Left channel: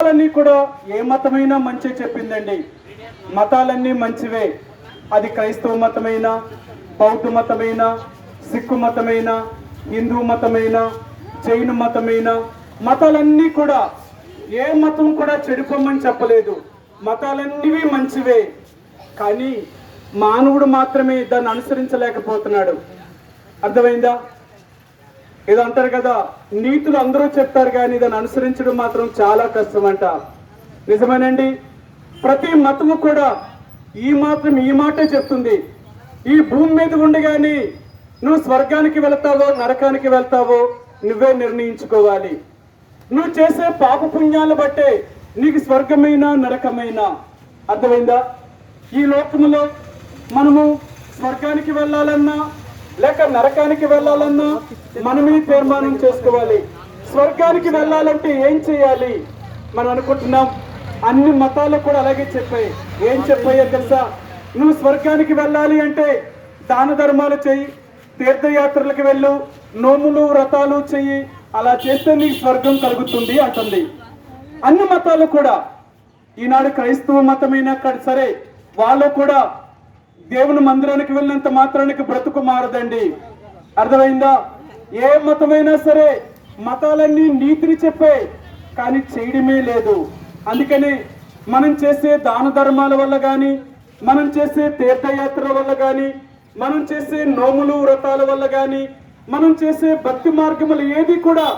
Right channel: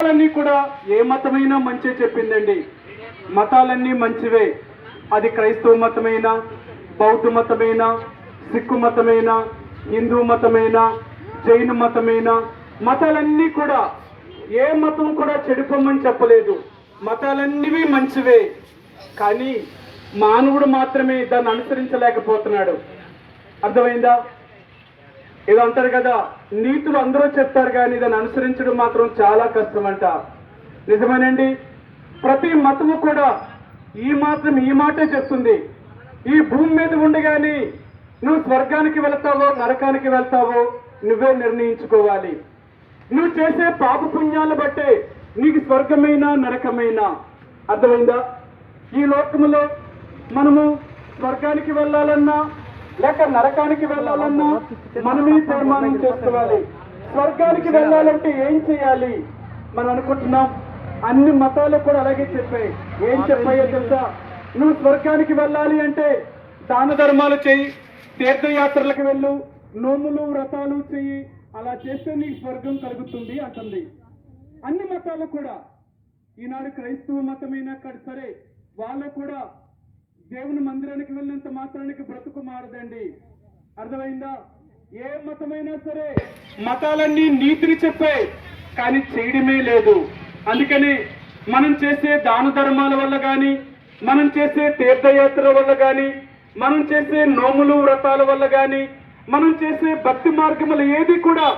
మతాలన్నీ కూడా ఏ మతమైనా మంచి చెప్పిందండి. మతాలన్నీ మంచివే. అది క్రైస్తవ మతమైనా బౌద్ధ మతమైనా సిక్కు మతమైనా హిందూ మతమైనా జైన మతమైనా మతాలన్నీ కూడా ఏ మతం కూడా చెడిపోమని చెప్పలేదు. మతాలన్నీ మంచివే. కానీ మానవుడు మాత్రమే దాన్ని అనుసరించలేకపోతున్నాడు. అర్థమైందా? ఏదో అంటారు కదా నీతులు అందరూ చెప్తారు కానీ దాన్ని అనుసరించడం మాత్రం చాలా కష్టమంట. నిజమేనండి? ప్రతి మతము కూడా ఈ మాత్రం ఈ మాటే చెప్తుంది. ఈ భూమి మీద ఉండగాని నువ్వు స్వర్గానికి వెళ్తావో నరకానికి వెళ్తావో నువ్వే నిర్ణయించుకోవాలి. నువ్వు చేసే పాప పుణ్యాలు బట్టే నీకు స్వర్గమైనా నరకమైనా అర్థమైందా? ఈ లోకములో మనము స్వర్గానికి వెళ్ళాలన్నా లేక నరకానికి వెళ్ళాలన్నా మనమే తీర్మానం చేసుకోవాలి. స్వర్గానికి వెళ్ళాలంటే ఏం చేయాలి? మనం అనుకుంటున్నాం. అన్ని మతాలు కూడా అలాగే చెప్పాయి. ఏం చెప్పాయో తెలుసా? నువ్వు స్వర్గానికి వెళ్ళాలి అంటే దాన ధర్మాలు చేయి తీర్థయాత్రలకు వెళ్ళు నోములు వ్రతాలు చెయ్యి అలా చేస్తే నీకు స్వర్గం కలుగుతుంది అంటుంది. అన్ని మతాలు కూడా. ఈనాడు క్రైస్తవ మతమైనా సరే వాళ్ళు కూడా దేవుని మందిరానికి వెళ్ళినంత మాత్రానికి బ్రతుకు మారదండి. అర్థమైందా? ఏ మతమైనా సరే మతాలన్నీ నీతిని చెప్పే కానీ చేయడమే లేదు. అందుకని మనం చేసే దాన ధర్మాల వల్ల కానీ మనం చేసే తీర్థయాత్రల వల్ల కానీ మనం చేసే నోములు వ్రతాల వల్ల కానీ మనం చేసే భక్తి మార్గములు ఏది కూడా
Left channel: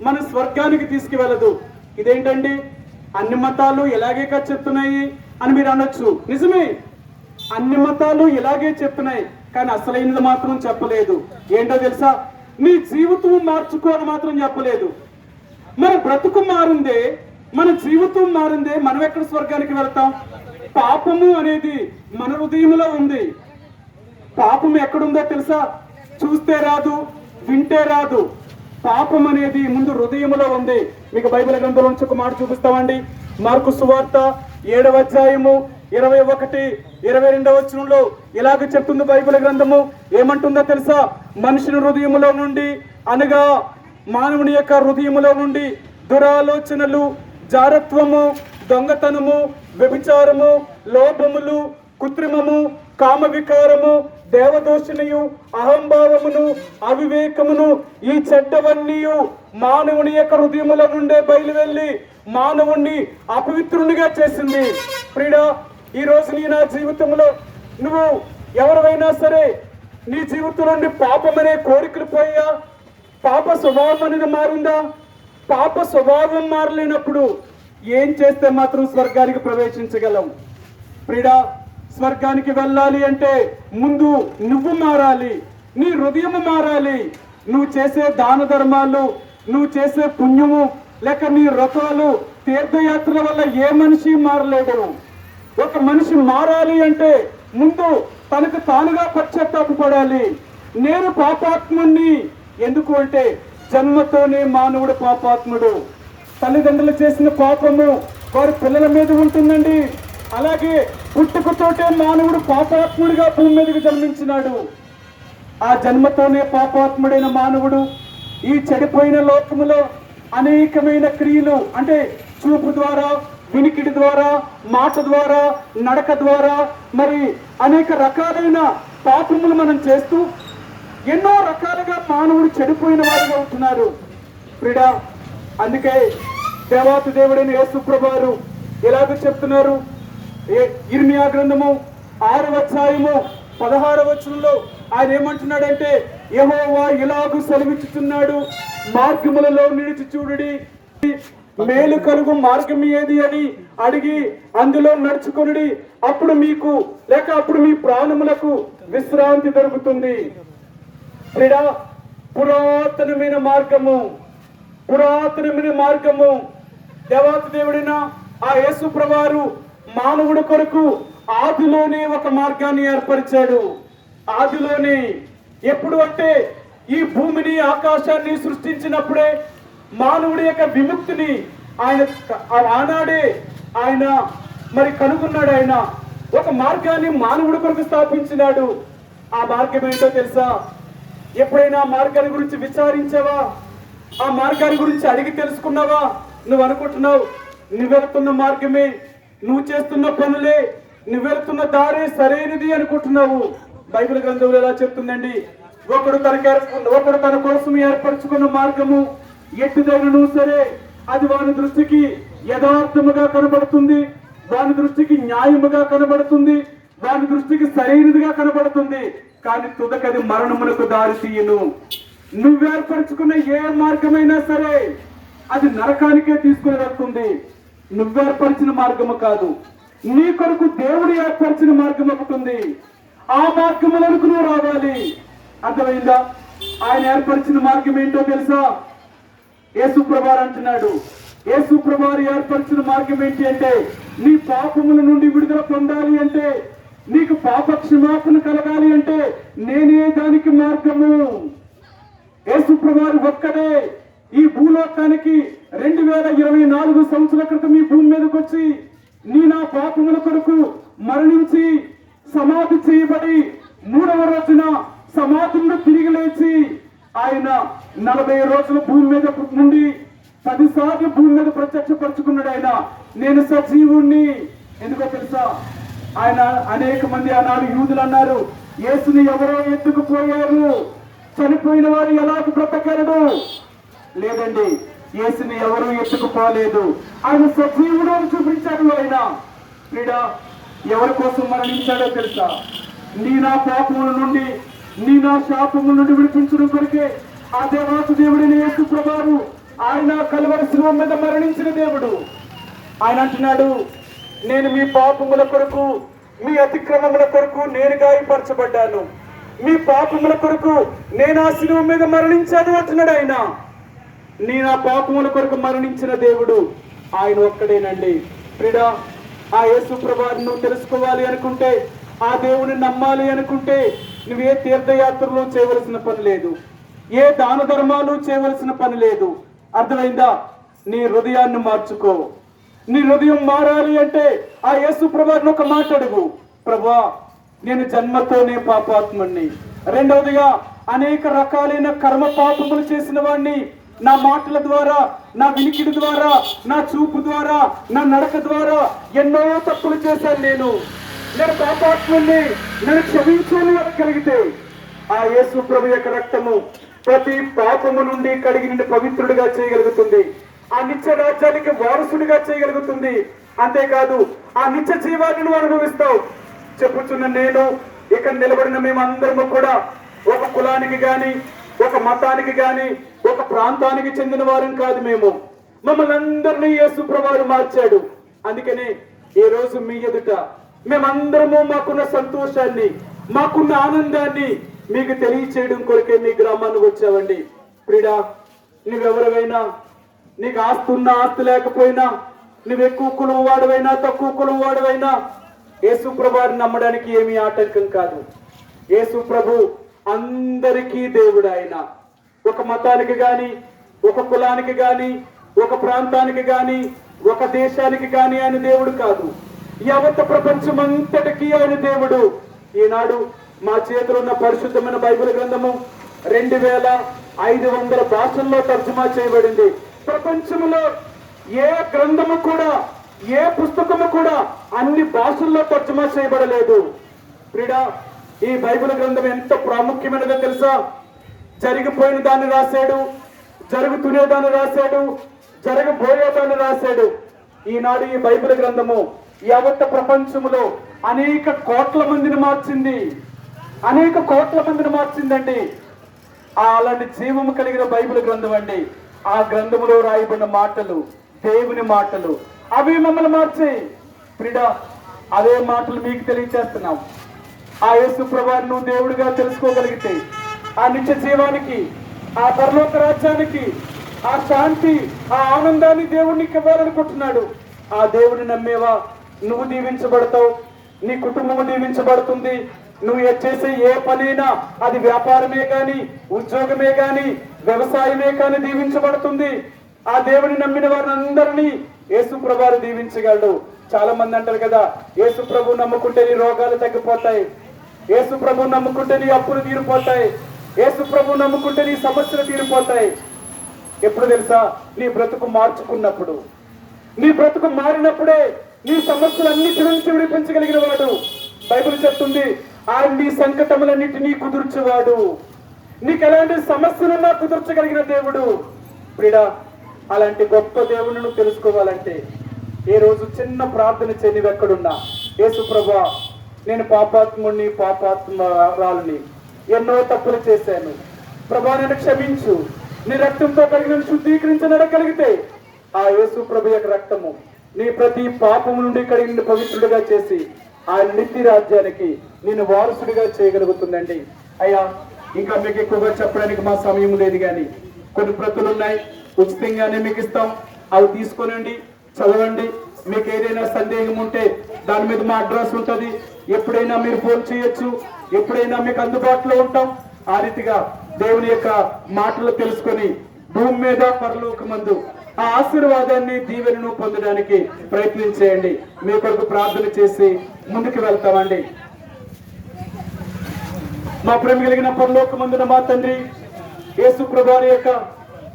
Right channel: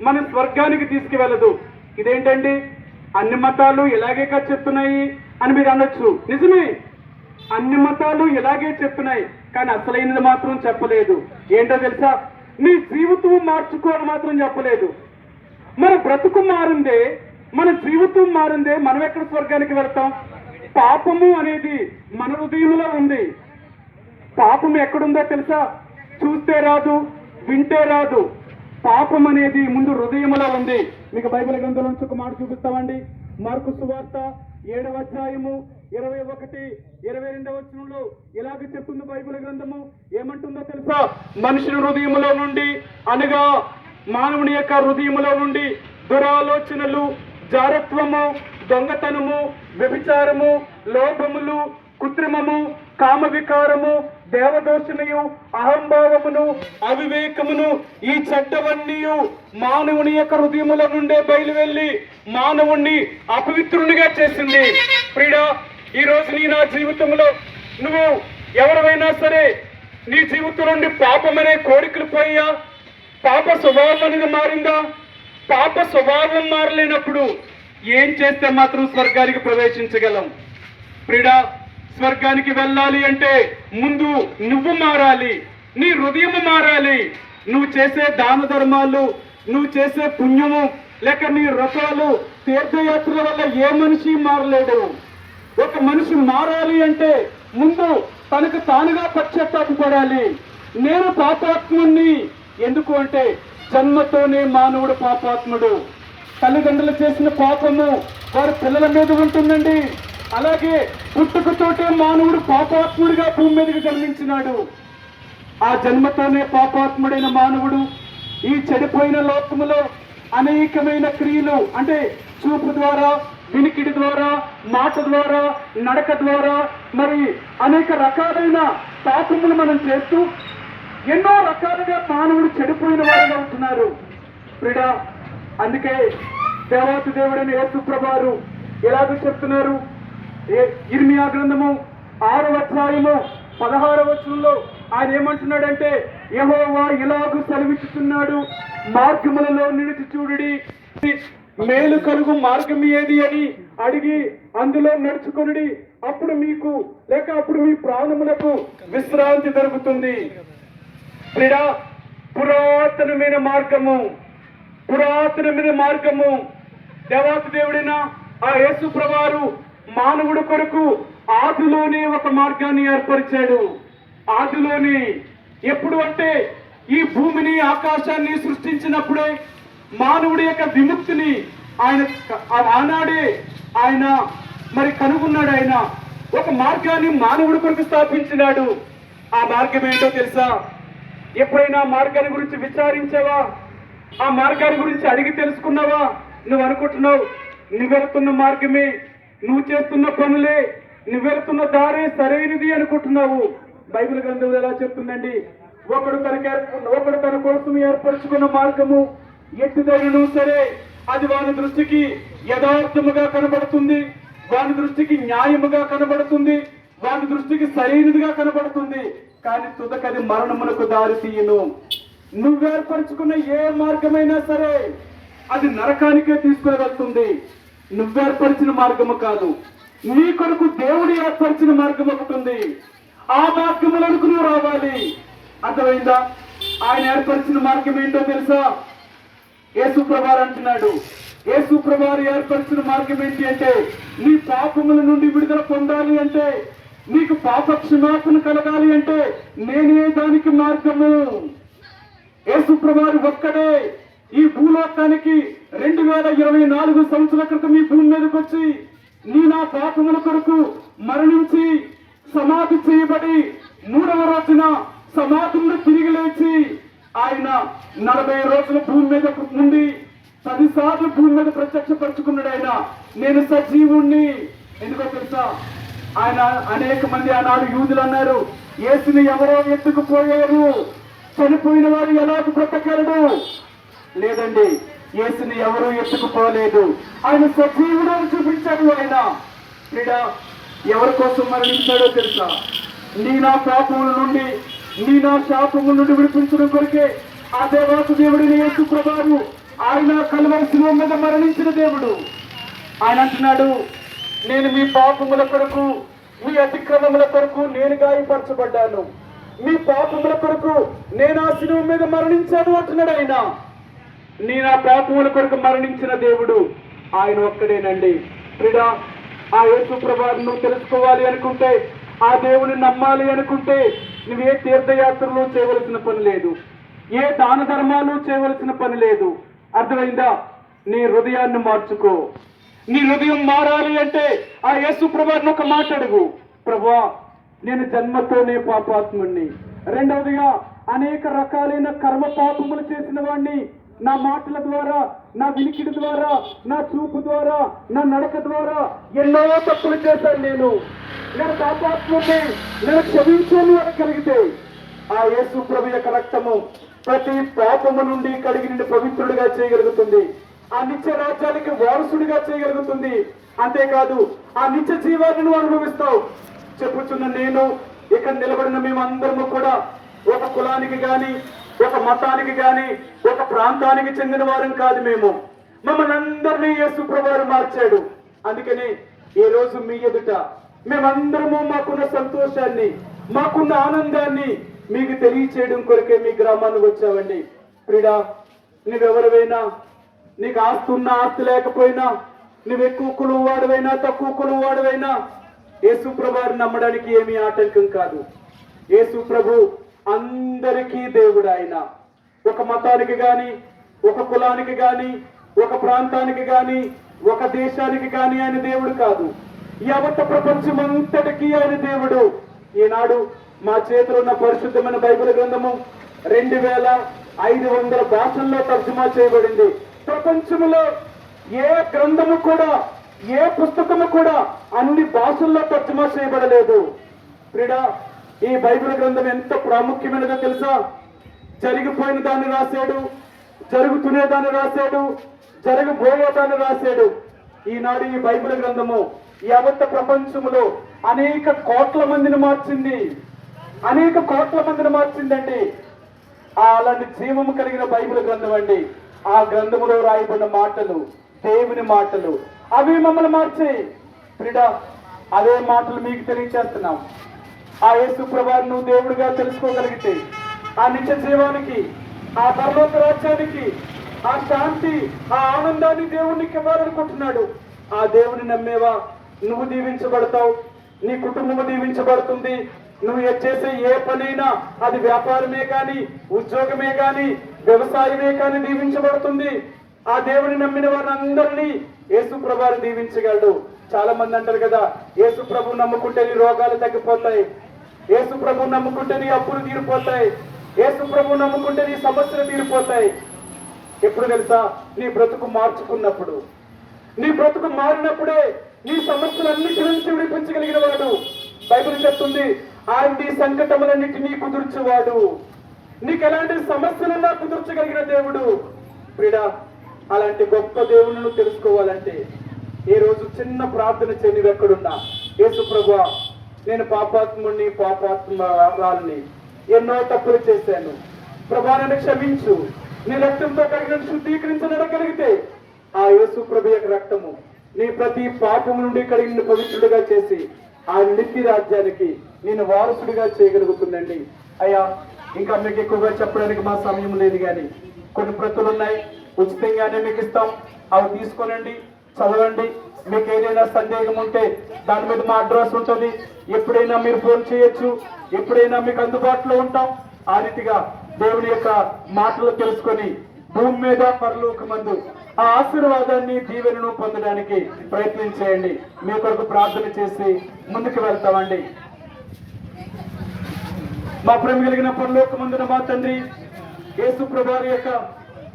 మన స్వర్గానికి తీసుకువెళ్ళదు. ఇదేంటండి? అన్ని మతాలు ఇలాగే కదా చెప్తున్నాయి అని మీరు అనొచ్చు. నిజమే. అన్ని మతాలు ఇలాగే చెప్తున్నాయి కానీ అసలైనది మాత్రం చెప్పలేదు. ఏంటో తెలుసా? నీ జీవితం మార్చుకో మాత్రం చెప్పలేదు. మన బ్రతుకు మారిందే మన జీవితం మారిందే మనం ఎక్కడ స్వర్గానికి వెళ్తాం? పాపము అనేది మన హృదయంలో ఉంది. పాపం ఎక్కడుందో తెలుసా? చూస్తే రాదు వింటే రాదు. పాపం అనేది ముందు హృదయంలో ఉంది. మీకు బైబిల్ గ్రంథంలో నుంచి ఒక మాట చూపిస్తామండి. మార్కు సువార్త ఏడవ అధ్యాయము ఇరవై ఒకటి ఇరవై రెండవ వచనంలో ఇలాగ చెప్తుంది బైబిల్ గ్రంథము. ఏమంటుందో తెలుసా? మనుషుని హృదయములో నుండి అనగా మానవుని యొక్క హృదయములో నుండి దురాలోచనలు జారత్వము దొంగతనము వ్యభిచారము లోభములు కృత్రిమము కామ వికారము దేవదోషణయు అహంభావమును అవివేకమును ఈ చెడ్డవన్నీ మానవుని యొక్క హృదయముల నుండే బయలు వెళ్ళి మానవుణ్ణి అపవిత్రునిగా చేసింది. ప్రియుడా ఈ రోజు నీ నా జీవితంలో నువ్వు ఎవరివైనా సరే నీ జీవితం నుండి పాపమనే కోరికలు పోయా? పాప స్వభావం అనేది మారిందా? పాప స్వభావం మారలేనప్పుడు ఏం చేస్తే మాత్రం స్వర్గానికి ప్రవేశించగలం? ప్రిడా స్వర్గానికి వెళ్ళాలి అంటే ముందు నువ్వు మారాలి నీ హృదయం మారాలి. నువ్వు చేసే దాన ధర్మాలు నువ్వు చేసే పుణ్యము లేక నీ వ్రతాలు తీర్థయాత్రల వల్ల ఏ మనిషి మారలేడు. ఒక మనిషి మారాలి అంటే ముందు తనకు తానుగా పశ్చాత్తాపడాలి నేను పాపాత్ముణ్ణి. ఎందుకు అంటే జన్మతోనే మానవుడు పాపాత్ముడు. తల్లిదండ్రులు చేసిన పాపము వారి పిల్లల మీద ఉంటుందండి. అలాగే పుట్టుకతోటే మానవుడు పాపాత్ముడిగా భూమి మీదకి జన్మించినాడు. ఆ జన్మతోనే పాపాత్ముడైన మానవుడు ఈ చెడిపోయిన లోకములో అనేకమైన క్రియలు అంటే చూపు ద్వారా వినికిడి ద్వారా మాట ద్వారా నడక ద్వారా మరి అనేక రకాలైన పాపములు మనం చేస్తూ ఎన్నో రకాలుగా మానవుడు చెడిపోయిన వారుగా ఉంటున్నారు క్రీడా అందుకే దేవాతి దేవుడైన యేసుప్రభారు ఎలాగో చెప్తున్నారు. ఏ- ఇర్మియా గ్రంథము ఆరు అధ్యాయము పదహారు వచనంలో ఆయన ఏమంటున్నాడంటే యెహోవా ఇలాగూ సెలవిచ్చుతున్నాడు మార్గములలో నిలిచి చూడుడి మేలు కలుగు మార్గం ఏది అని అడిగి అందులో నడుచుకొని అప్పుడు మీకు లేక అప్పుడు మీ ప్రాణములకు విశ్రాంతి దొరుకుతుంది. క్రీడా పురాతనమైన మార్గము పురాతనమైన మార్గము. దేవాతి దేవుడిన ఆ యేసు ప్రభువారు మానవుడు కొరకు ఆదిలోనే ఒక మార్గాన్ని ఏర్పరిచాడు. ఆదిలోనే ఎప్పుడు అంటే ఈ భూమిని ఆకాశాన్ని సృష్టించినప్పుడే మానవుడి యొక్క విముక్తిని ఆయన ఆనాడే ఆయన మరి కనుగొన్నాడు ఆయన. ఒక మార్గాన్ని మానవుడి కొరకు స్థాపించినాడు. ఆ మార్గం ఏంటో తెలుసా? ఎప్పుడైనా మార్గాన్ని గురించి విచారించావా? ఆ మార్గాన్ని గురించి అడిగి తెలుసుకున్నావా? నువ్వు అనుకుంటున్నావు నువ్వెళ్తున్న మార్గమే నువ్వు చేస్తున్న పనులే నువ్వెళ్తున్న దారి సరైనది అనుకుంటున్నావు. బైబిల్ గ్రంథంలో ఎలా చెప్తుందండి? ఒకడు తనకి ఒకడు తన కోసం ఏర్పరచుకున్న మార్గము ఎట్టుదైనను సరే అది వాని దృష్టికి యథార్థముగా కనబడుతుంది వాని దృష్టికి న్యాయముగా కనబడుతుంది వాని దృష్టికి సరైనదిగా కనబడుతుంది కానీ తుదకది మరణమునకు దారి తీయను. నువ్వు ఏర్పరచుకున్న ఏ మార్గమైనా సరే అది నరకానికే తీసుకుని వెళ్తుంది నువ్వు ఏర్పరిచిన మార్గము కాదు. నీ కొరకు దేవుడు ఏర్పరిచిన మార్గం ఒకటి ఉంది ఆ మార్గములకు నువ్వు రావాలి. అర్థమైందా? ఆయన ఏర్పరిచిన మార్గం ఏంటో తెలుసా? యేసు అంటున్నాడు. యేసు ఏర్పరిచిన మార్గం ఏంటి అంటే నీ పాపముల నుండి విడుదల పొందాలి అంటే నీకు పాప క్షమాపణ కలగాలి అంటే నేనే దానికి మార్గము. యేసు ఒక్కడే ఈ భూలోకానికి రెండు వేల ఇరవై నాలుగు సంవత్సరాల క్రితం ఈ భూమి మీదకి వచ్చి నీ నా పాపముల కొరకు మరణించి సమాధి చేయబడి మూడవ రోజున సమాధుల్లో తిరిగి లేచి ఆయన నలభై రోజుల భూమి మీద నుండి పదిసార్లు భూమి మీద ప్రత్యక్షపరుచుకున్నాడు ఆయన. నేను సజీవుణ్ణి. ఎందుకో తెలుసా? ఆయన అనేక మంది ఆనాడు యూదులు అన్నారు యేసుని ఎవరో ఎత్తుకుపోయారు చనిపోయిన వారు ఎలా బ్రతకలడు లేదండి యేసుని ఎవరూ ఎత్తుకుపోలేదు ఆయన సజీవుడు చూపించాడు ఆయన. ఈడ ఎవరి కోసం మరణించాడో తెలుసా? నీ నా పాపముల నుండి నీ నా శాపముల నుండి విడిపించడం కొరికే ఆ దేవాసు దేవుడిని యేసు ప్రభావు ఆయన కలవరసిన మీద మరణించిన దేవుడు. ఆయన అంటున్నాడు నేను మీ పాపముల కొరకు మీ అతిక్రమముల కొరకు నేను గాయపరచబడ్డాను మీ పాపముల కొరకు నేను ఆ శిలువ మీద మరణించాను అంటున్నాడు ఆయన. నీ నా పాపముల కొరకు మరణించిన దేవుడు ఆయన ఒక్కడేనండి. ప్రిడా ఆ యేసు ప్రభావం తెలుసుకోవాలి అనుకుంటే ఆ దేవుని నమ్మాలి అనుకుంటే నువ్వే తీర్థయాత్రలో చేయవలసిన పని లేదు. ఏ దాన ధర్మాలు చేయవలసిన పని లేదు. అర్థమైందా? నీ హృదయాన్ని మార్చుకో. నీ హృదయం మారాలి అంటే ఆ యేసు ప్రభాని ఒక మాట అడుగు. ప్రభా నేను జన్మతోనే పాపాత్ముణ్ణి. రెండవదిగా అనేక రకాలైన కర్మ పాపములు చేసిన వాడిని నా మాటల ద్వారా నా వినికిడి ద్వారా నా చూపు ద్వారా నా నడక ద్వారా ఎన్నో తప్పులు చేశాను నేను. నేను పాపాత్ముణ్ణి. నేను క్షమించాలి అనగలిగితే ఆ యేసు ప్రభు యొక్క రక్తము ప్రతి పాపము నుండి కడిగి నిన్ను పవిత్రుడిగా చేయగలుగుతుంది. ఆ నిత్య రాజ్యానికి వారసుడిగా చేయగలుగుతుంది. అంతేకాదు ఆ నిత్య జీవాన్ని నువ్వు అనుభవిస్తావు. చెప్పుచున్న నేను ఇక్కడ నిలబడిన మేమందరము కూడా ఒక కులానికి గాని ఒక మతానికి గాని ఒక ప్రాంతానికి చెందిన వారం కాదు మేము. మమ్మల్ని అందరినీ యేసు ప్రభువారు మార్చాడు. అందుకని ఈ రోజు మీ ఎదుట మేమందరము మాకున్న సంతోషాన్ని మాకున్న ఆనందాన్ని మీకు తెలియచేయడం కొరకే మీ గ్రామానికి వచ్చావండి ప్రిడా నువ్వెవరివైనా నీకు ఆస్తి ఉన్నా ఆస్తి లేకపోయినా నువ్వు ఎక్కువ కులం వాడివైనా తక్కువ కులం వాడివైనా యేసు ప్రభువారిని నమ్మడానికి ఏమీ ఆటంకం కాదు. యేసు ప్రభు అందరికీ దేవుడు ఆయన. ఒక మతానికి గాని ఒక కులానికి గాని ఒక ప్రాంతానికి గాని ఒక దేశానికి గాని ఆయన దేవుడు కాదు. యావత్ ప్రపంచం అంతటికీ ఆయన దేవుడు. ఈనాడు మా చేతిలో ఉన్న పరిశుద్ధమైన బైబిల్ గ్రంథము రెండు వేల ఐదు వందల భాషల్లో తర్జుమా చేయబడింది. ప్రపంచంలో ఏ గ్రంథము కూడా ఏ పుస్తకము కూడా అన్ని భాషల్లో తర్జుమా చేయబడలేదు. క్రీడా ఈ బైబిల్ గ్రంథం ఎంత ప్రాముఖ్యమైనదో తెలుసా? జరిగిపోయిన దాన్ని రాశాడు జరుగుతునే దాన్ని రాశాడు జరగబోయే దాన్ని రాశాడు. ఈనాడు ఈ బైబిల్ గ్రంథము యావత్ ప్రపంచములో అనేక కోట్ల మందిని మార్చింది. అనేక కోట్ల మందిని మార్చిందండి. అలాంటి జీవము కలిగిన బైబిల్ గ్రంథం అండి. ఆ గ్రంథములో రాయబడిన మాటలు దేవుని మాటలు అవి మమ్మల్ని మార్చాయి. ప్రిడా అదే మాటలు మీకు తెలియచేస్తున్నాం. ఆ యేసు ప్రభాను నువ్వు దేవుడిగా తెలుసుకోగలిగితే ఆ నిత్య జీవానికి ఆ పరలోక రాజ్యానికి ఆ శాంతి ఆ ఆనందాన్ని దేవుడికి ఇవ్వాలనుకుంటున్నాడు. ఆ దేవుని నమ్మేవా? నువ్వు దీవించబడతావు నీ కుటుంబం దీవించబడుతుంది. నువ్వు ఏ- చేసే ఏ పనైనా అది వ్యాపారమే కానీ ఉద్యోగమే కానీ వ్యవసాయమే కానీ దీవించబడుతుంది. ఆ దేవుని నమ్మిన వారందరినీ యేసు ప్రభాను దీవించగలడు. చాలా మంది అంటారు కదా యేసు ప్రభు నమ్ముకుంటే నీ రోగాలు తగ్గిపోతాయి. యేసు ప్రభు నమ్ముకుంటే నీ అప్పులు తీరిపోతాయి. యేసు ప్రభు నమ్ముకుంటే నీ సమస్యలు తీరిపోతాయి. ఎప్పుడు తెలుసా? నీ బ్రతుకు మార్చుకున్నప్పుడు. నీ బ్రతుకు మారినప్పుడే నీ సమస్యలన్నిటి నుంచి విడిపించగలిగిన వాడు బైబుల్ చెప్తుంది ఆయన నీ సంకటములన్నిటినీ కుదుర్చేవాడు. నీకు ఎలాంటి సమస్యలున్నా కుదుర్చగలిగిన దేవుడు. ప్రిడా అలాంటి గొప్ప దేవుని తెలుసుకోవాలంటే ఏ రోజు చిన్న ప్రార్థన చేయనివి ఎక్కడున్నా. యేసు ప్రభా నేను పాపాత్ముడిని పాపాత్మరాలని ఎన్నో తప్పులు చేశాను. ప్రభా నేను క్షమించు. నీ రక్తంతో కలిగిన శుద్ధీకరించనడగలిగితే ఆ యేసు ప్రభు యొక్క రక్తము నీ ప్రతి పాపం నుండి కడిగిన పవిత్రుడిగా చేసి ఆ నిత్య రాజ్యానికి నేను వారసుడిగా చేయగలుగుతుందండి. అయ్యా ఇంకా మీకు ఎక్కువగా చెప్పడానికి మా సమయం లేదు కానీ కొన్ని ప్రతులు ఉన్నాయి. ఉచితంగానే మీకు ఇస్తాం. అవి తీసుకోనండి చదవండి. మీకు ఏదైనా సందేహం ఉంటే దాని మీద మా అడ్రస్ ఉంటుంది. ఎప్పుడైనా మీరు ఫోన్ చేయొచ్చు. ఎప్పుడైనా మీకు అందుబాటులో ఉంటాం. ఆ రీతిగా దేవుని యొక్క మాటలు తెలుసుకొని భూమి మీద పరలోకమందు ఆ ఆశీర్వాదాన్ని దీవెనను పొందడానికి ప్రయత్నం చేయండి మీ కొరకు ప్రార్థన చేసి ముందుకు వెళ్తామండి. మా ప్రేమ కలిగిన పరలోకమందున మా తండ్రి యేసు ప్రభారి యొక్క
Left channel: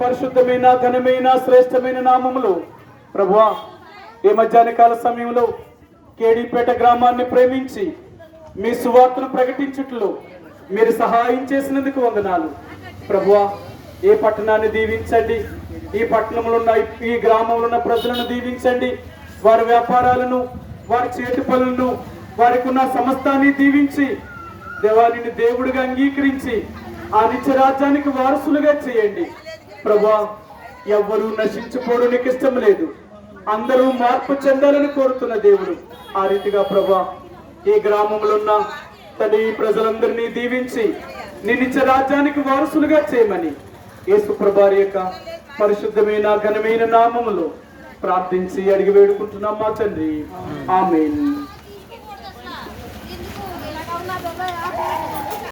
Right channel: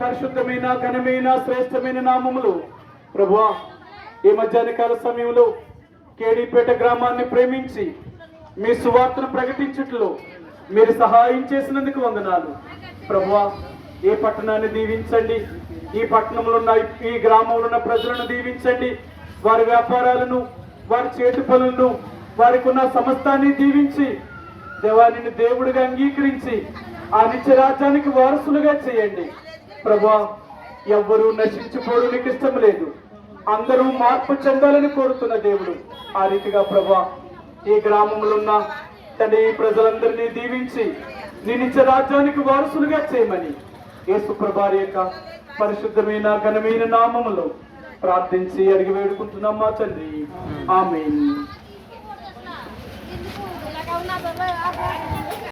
పరిశుద్ధమైన ఘనమైన శ్రేష్టమైన నామములు ప్రభువా ఈ మధ్యాహ్నకాల సమయంలో కేడీపేట గ్రామాన్ని ప్రేమించి మీ సువార్తను ప్రకటించుట్లో మీరు సహాయం చేసినందుకు వందనాలు. ప్రభువా ఏ పట్టణాన్ని దీవించండి? ఈ పట్టణంలో ఉన్న ఈ గ్రామంలో ఉన్న ప్రజలను దీవించండి. వారి వ్యాపారాలను వారి చేతి పనులను వారికి ఉన్న సమస్తాన్ని దీవించి దేవాలిని దేవుడిగా అంగీకరించి ఆ నిత్య రాజ్యానికి వారసులుగా చేయండి. ప్రభా ఎవ్వరూ నశించుకోవడం నీకు ఇష్టం లేదు. అందరూ మార్పు చెందాలని కోరుతున్న దేవుడు. ఆ రీతిగా ప్రభా ఈ గ్రామంలో ఉన్న తన ఈ ప్రజలందరినీ దీవించి నీ నిత్య రాజ్యానికి వారసులుగా చేయమని. యేసు ప్రభారి యొక్క పరిశుద్ధమైన ఘనమైన నామములో ప్రార్థించి అడిగి వేడుకుంటున్నాం మా తండ్రి. ఆమెన్.